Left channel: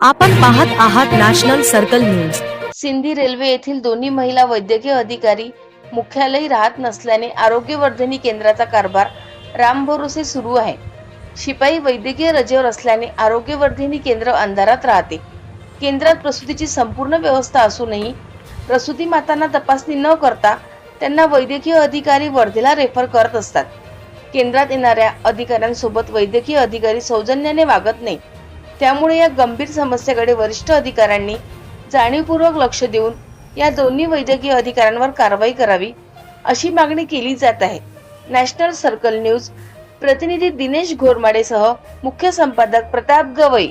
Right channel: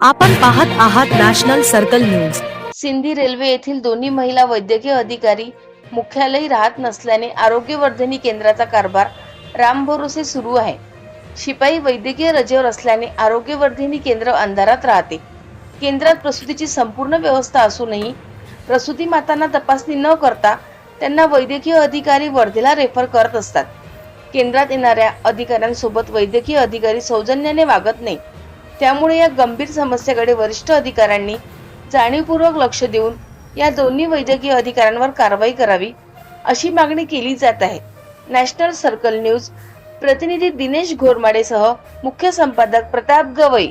आपण पाहत आहात national circle news. Sindhi railway येथील दोन्ही महिला वैद्यकीय अधिकारी मुख्यालयी राहत नसल्याने आरोग्यवर्धिनी केंद्राचा कारभार रामभरोसे सुरू आहे। शिपाई वैद्यकीय रजेवर असल्याने आरोग्यवर्धिनी केंद्र अंधारात राहते। केंद्रात प्रसूतीची संपूर्ण व्यवस्था असूनही प्रसूती मातांना तपासणी न करता त्यांना वैद्यकीय अधिकारी वर्धेला रेफर करत असतात। केंद्रात येणाऱ्या अधिकाऱ्यांसोबत वैद्यकीय अधिकारी सौजन्याने वागत नाही। त्यामुळे या गंभीर समस्येकडे वरिष्ठ अधिकाऱ्यांनी जाणीवपूर्वक लक्ष देऊन या दोन्ही वैद्यकीय अधिकाऱ्यांवर कारवाई करावी अशी मागणी केली जात आहे। नॅशनल सर्कल न्यूज प्रतिनिधी दिनेश घोरमाडेसह मुख्य संपादक प्रताप गवई।